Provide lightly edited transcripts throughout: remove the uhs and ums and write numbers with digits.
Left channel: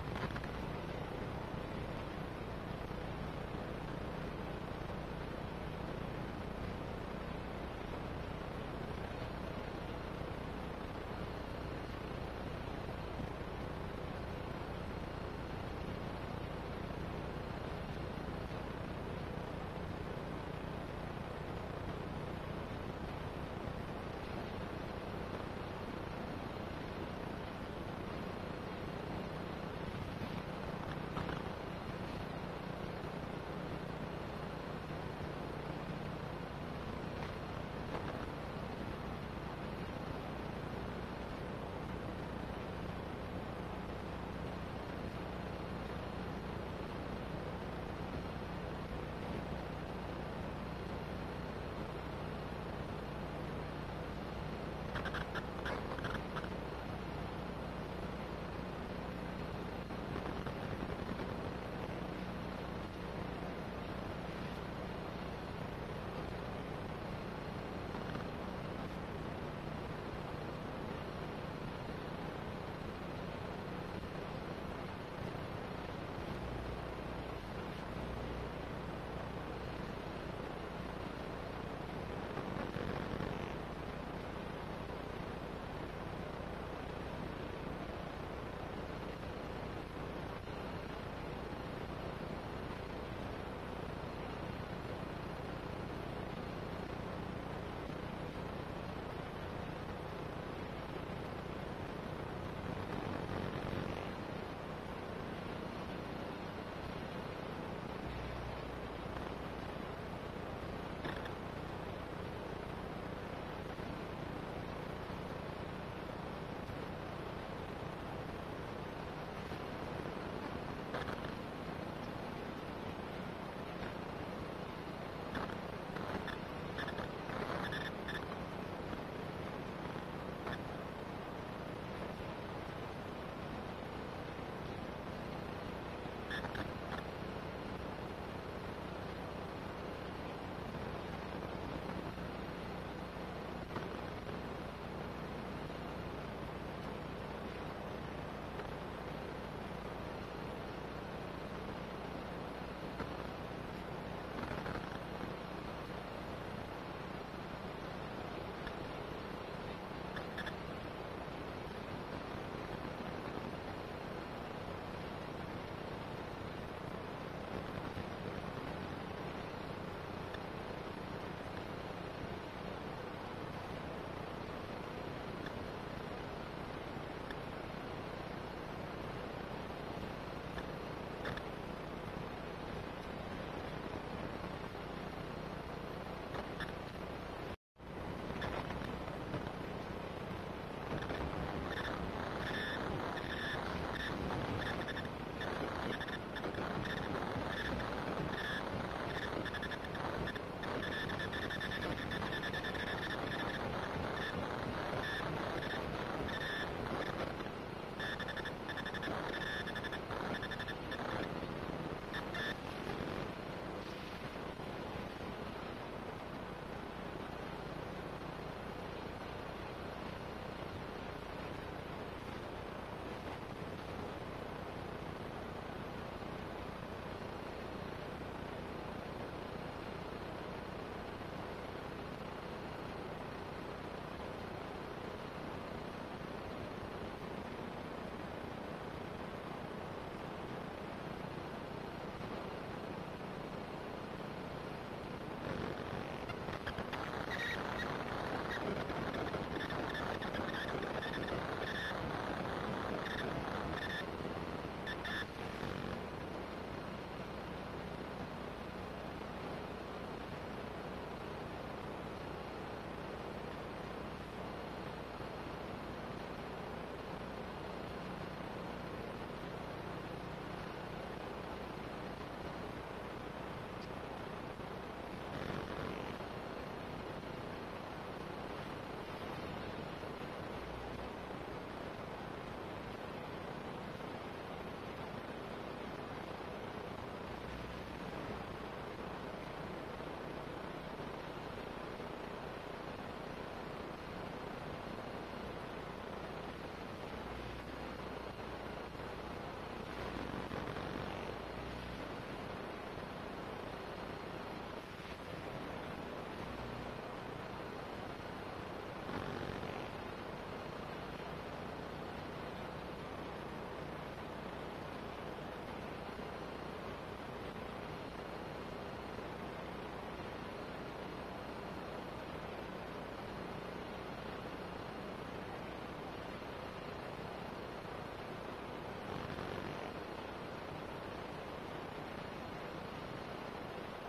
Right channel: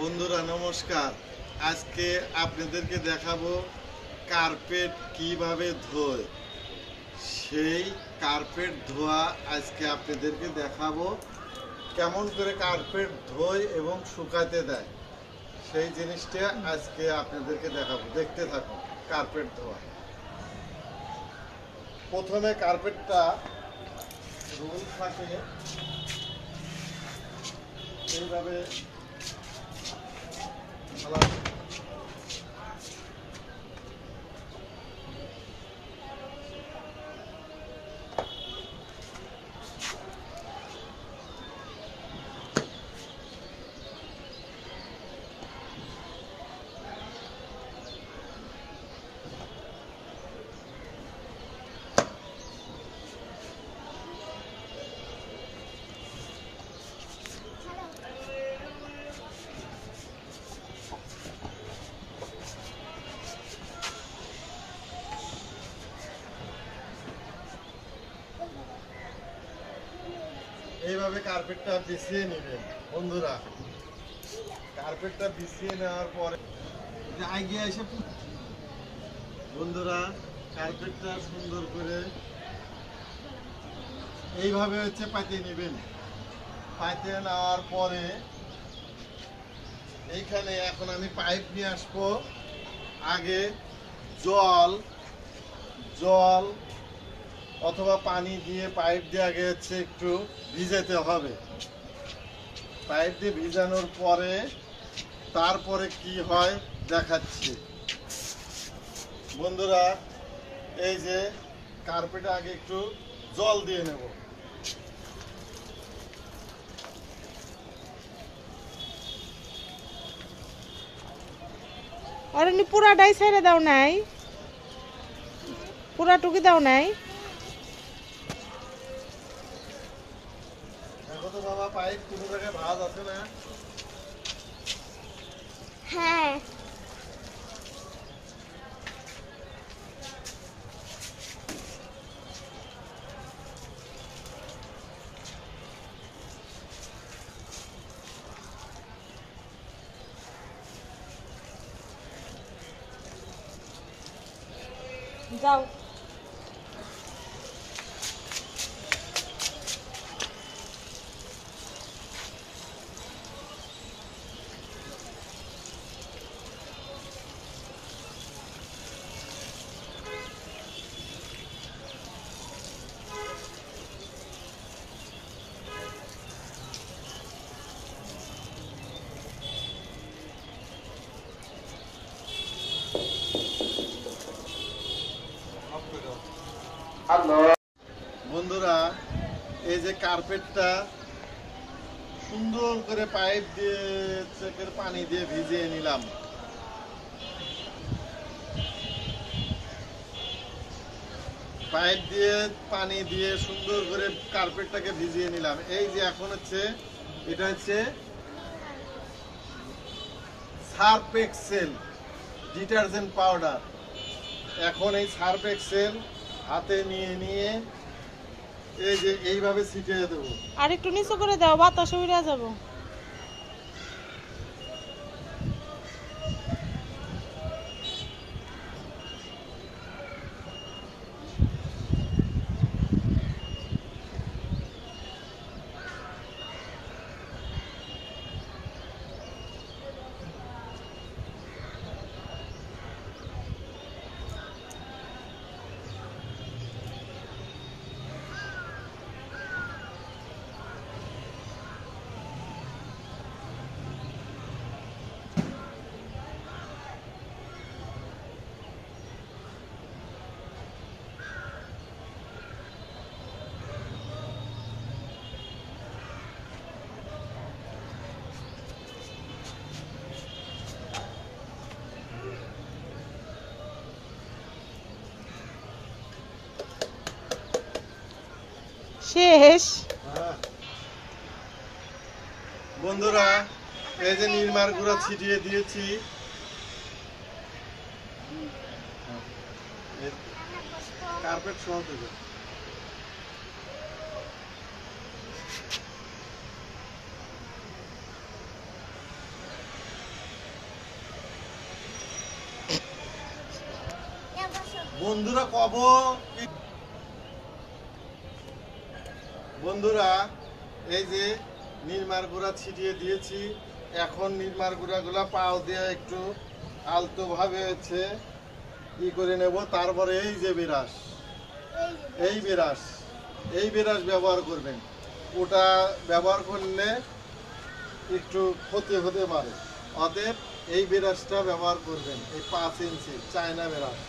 বন্ধুরা নমস্কার। আজকে আপনাদেরকে দেখাবো কার্পেট কিভাবে ধোয়। সেই কার্পেট ধোয়া আজকে আপনাদেরকে দেখাবো, কেমন করে কার্পেট ধোয় এবং শুকাতে দেয় সেই জিনিসটা আজকে আপনাদেরকে দেখাবো। দেখতে থাকুন কার্পেট ধোয়া। প্রথমে কার্পেটটা রোল থাকে এইভাবে এইভাবে কার্পেটটা বিছিয়ে নেবেন। বন্ধুরা কার্পেটটা বিছিয়ে নেওয়ার পরে আগে এসে বন্ধুরা কার্পেটটা সুন্দর করে এইভাবে পাতিয়ে নেবেন। পাতিয়ে নেওয়ার পরে এইখানে এখন আমি পাইপ নিয়ে আসবো। আগে জল জল অথবা পানি দিয়ে পাইপ দিয়ে আগে একটু ভিজাতে হবে। পাইপ দিয়ে ভিজানোর পরে তারপরে কি হয় দেখাচ্ছি। বন্ধুরা এই যে কার্পেটে আগে একটু জল দিয়ে নেব। আর এমনি পুরাটাই ছেড়ে দাও নাই, পুরাটুকি দাও নাই। দেখো তো বাবা, পাইপ কোনো জায়গায় ভাঁজ আছে না? হ্যাঁ, যাও। বন্ধুরা এই যে কার্পেটটা সুন্দর করে পাইপ দিয়ে চেপের পানি দিয়ে ভিজিয়ে নিলাম। পাইপ দিয়ে পানি দিয়ে সুন্দর করে কার্পেটটাকে ভিজিয়ে নিলাম। এই যে এখন এটা সার্ফ এক্সেল ডিটারজেন্ট পাউডার। এখন এই সার্ফ এক্সেল হাতে নিয়ে এই যে এইভাবে ছিটিয়ে দেবো। আর একটু নিচু করে দাও, বাতাস উড়ে যাবো। শেষ। বন্ধুরা এই যে নির্মার গুঁড়া ছিটিয়ে দিয়েছি। কার্পেট সহ দেবে। বন্ধুরা কব বন্ধুরা এই যে নির্মার গুঁড়া ছিটিয়ে দিয়েছি। এখন নির্মার গুঁড়াগুলা পাও দিয়ে একটু আলতো ভাবে হচ্ছে ই করে নেব। তারপরে এই যে বিরাস, এই বিরাস ব্যবহার করবেন। ওটা ব্যবহার করলে একটু ক্ষতি হতে পারে, অতএব এই বিরাসটা ব্যবহার করবেন। এই 5 ইঞ্চি চায়না বিরাস।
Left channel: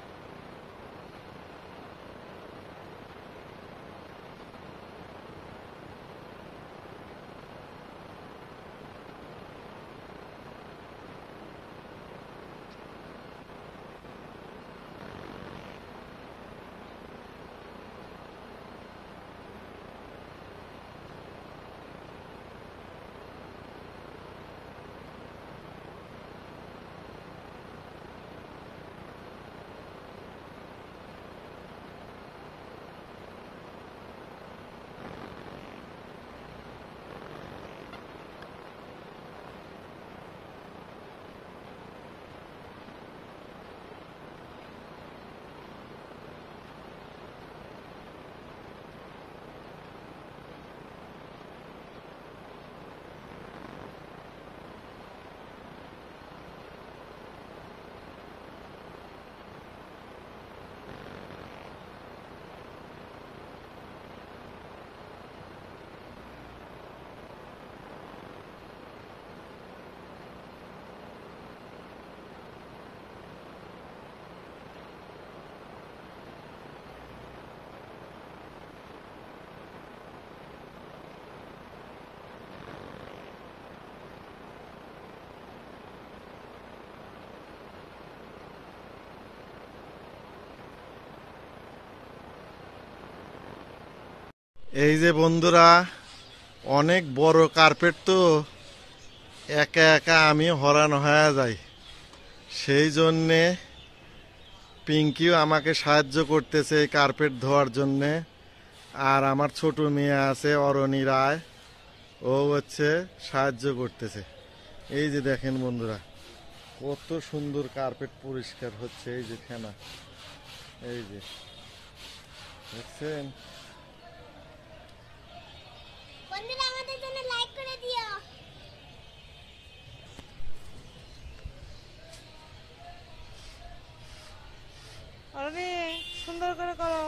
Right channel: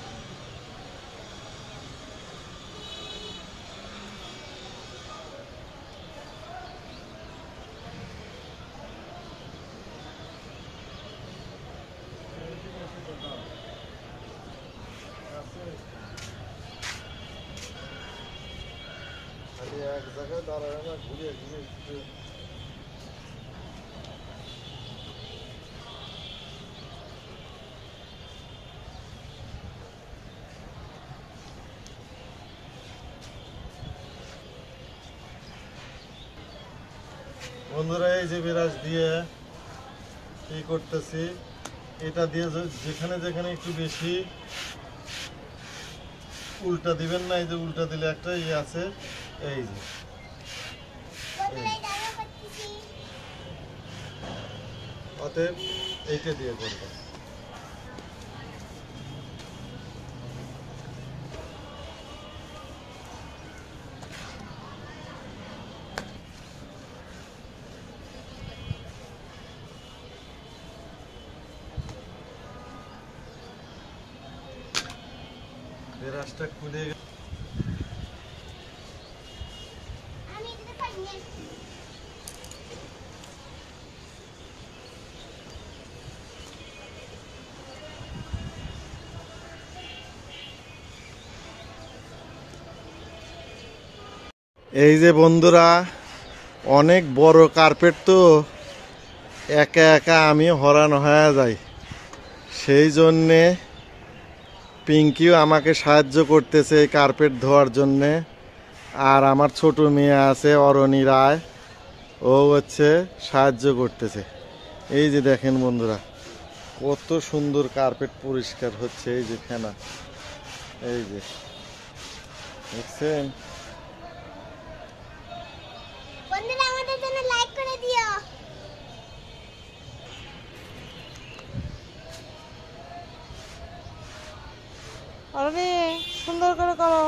এক জায়গায় দাঁড়ায় না, ঘুরে ঘুরে ঘুরে। বন্ধুরা এই যে বিরাস দিয়ে কি করতেছি, এটা দিয়ে যেখানে যেখানে একটু বেশি উল্টা দিবেন না। এই যে উল্টা দিলে একটা ইয়ে আছে, এই যে অতএব এইটা দিয়ে করবো। বিরাসটা খুলে এই যে বন্ধুরা অনেক বড় কার্পেট, তো একা একা আমি হরান হয়ে যাই। সেই জন্যে পিঙ্কিও আমাকে সাহায্য করতেছে এই কার্পেট ধোয়ার জন্যে। আর আমার ছোট মেয়ে আছে অরণি রায়, ও হচ্ছে সাহায্য করতেছে। এই যে দেখেন বন্ধুরা কত সুন্দর কার্পেট পরিষ্কার হচ্ছে। এই যে ফেনা, এই যে দেখছেন। বন্ধুরা আমাদের জন্য লাইক করে দিও। আরে সুন্দর করে করো।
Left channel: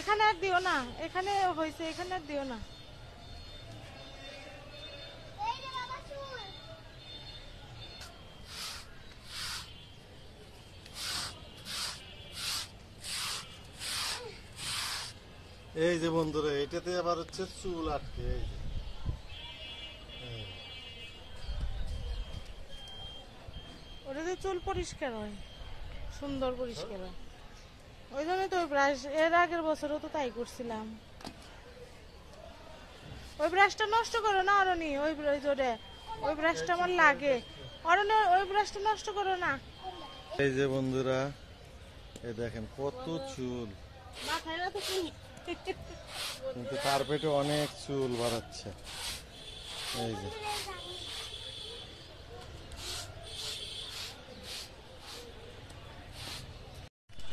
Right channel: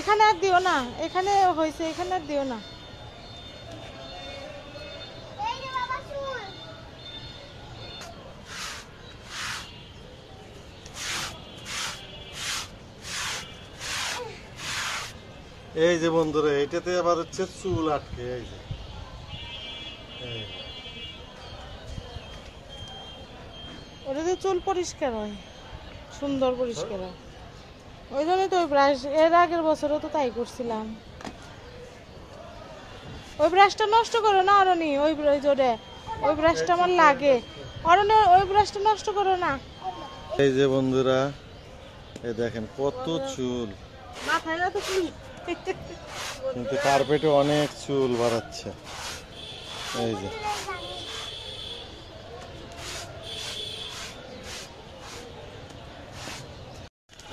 এখানে আর দিও না, এখানে হয়েছে, এখানে আর দিও না। এই রে বাবা চুল। এই যে বন্ধুরা এটাতে আবার হচ্ছে চুল আটকে। এই যে এই ওটাতে চুল পরিষ্কার হয়, সুন্দর পরিষ্কার হয়। ওই জন্যই তো ওই ব্রাশ, এর আগের বছরও তো তাই করছিলাম। ওই ব্রাশটা নষ্ট করো না অরণি, ওই জোরে ওই ব্রাশটা আমার লাগে। অরণি ওই ব্রাশটা নষ্ট করো না। এই যে বন্ধুরা এই দেখেন কত চুল, মাথায় না তো চুল। কিন্তু কার্পেটে অনেক চুল বাড়াচ্ছে। এই যে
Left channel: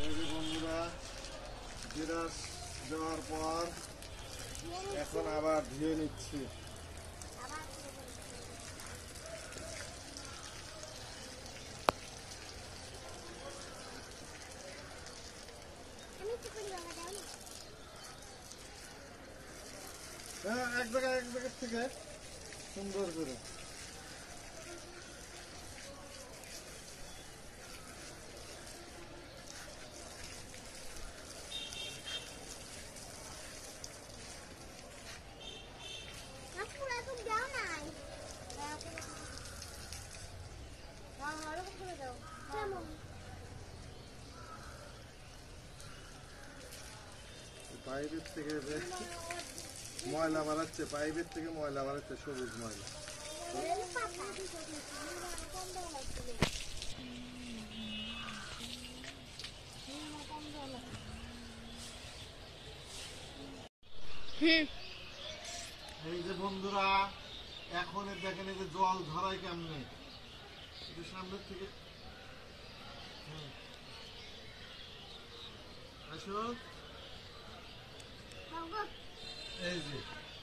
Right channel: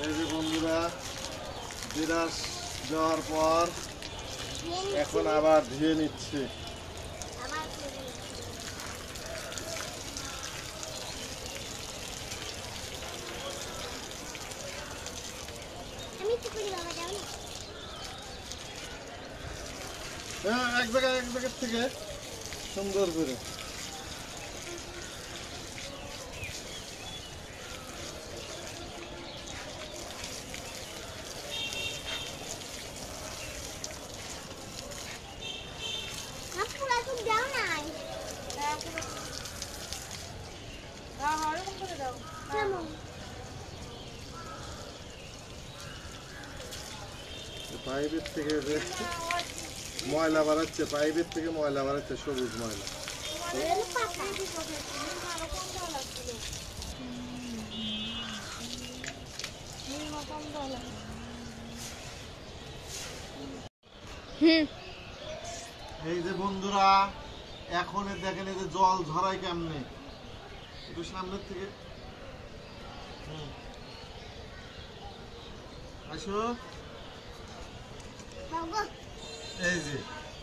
এই যে বন্ধুরা বিরাস দেওয়ার পর এখন আবার ধুয়ে নিচ্ছি। আবার করবো। আমি কি করি বাবা, যাও না। হ্যাঁ এক জায়গা থেকে সুন্দর করে। না পুরা তুমি যাও না। এরকম করে দাও। নামো। পাইপের থেকে যে ময়লা বাড়াচ্ছে, পাইপের থেকে ময়লা বাড়াচ্ছে, সবুজ ময়লা। এই যে বন্ধুরা, এখন দেখেন এই যে জল ঝরাই কেমনে, একটু সামনের থেকে আসো। এই যে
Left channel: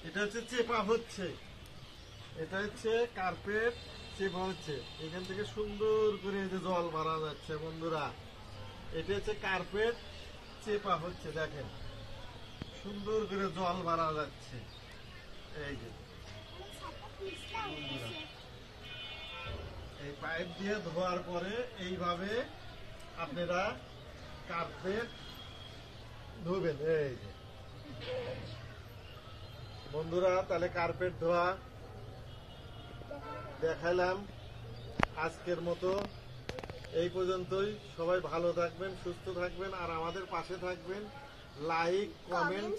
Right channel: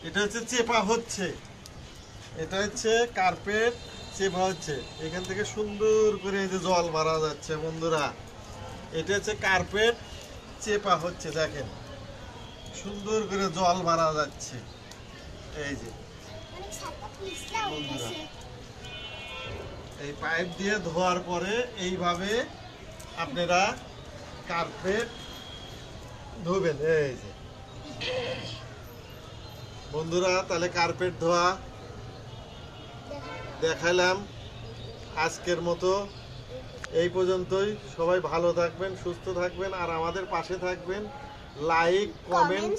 এটা হচ্ছে চেপা হচ্ছে, এটা হচ্ছে কার্পেট চেপা হচ্ছে, এখান থেকে সুন্দর করে এই যে জল মারা যাচ্ছে বন্ধুরা। এটা হচ্ছে কার্পেট চেপা হচ্ছে, দেখেন সুন্দর করে জল মারা যাচ্ছে। এই যে বন্ধুরা, এই পাইপ দিয়ে ধোয়ার পরে এইভাবে আপনারা কার্পেট ধোবেন। এই যে বন্ধুরা, তাহলে কার্পেট ধোয়া দেখাইলাম আজকের মতো। এই পর্যন্তই। সবাই ভালো থাকবেন, সুস্থ থাকবেন, আর আমাদের পাশে থাকবেন। লাইক, কমেন্ট,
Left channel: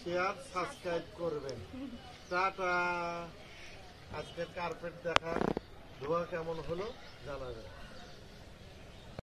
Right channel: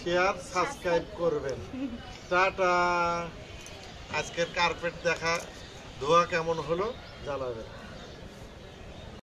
শেয়ার, সাবস্ক্রাইব করবেন। টাটা। আজকের কার্পেট দেখা ধোয়া কেমন হলো জানাবেন।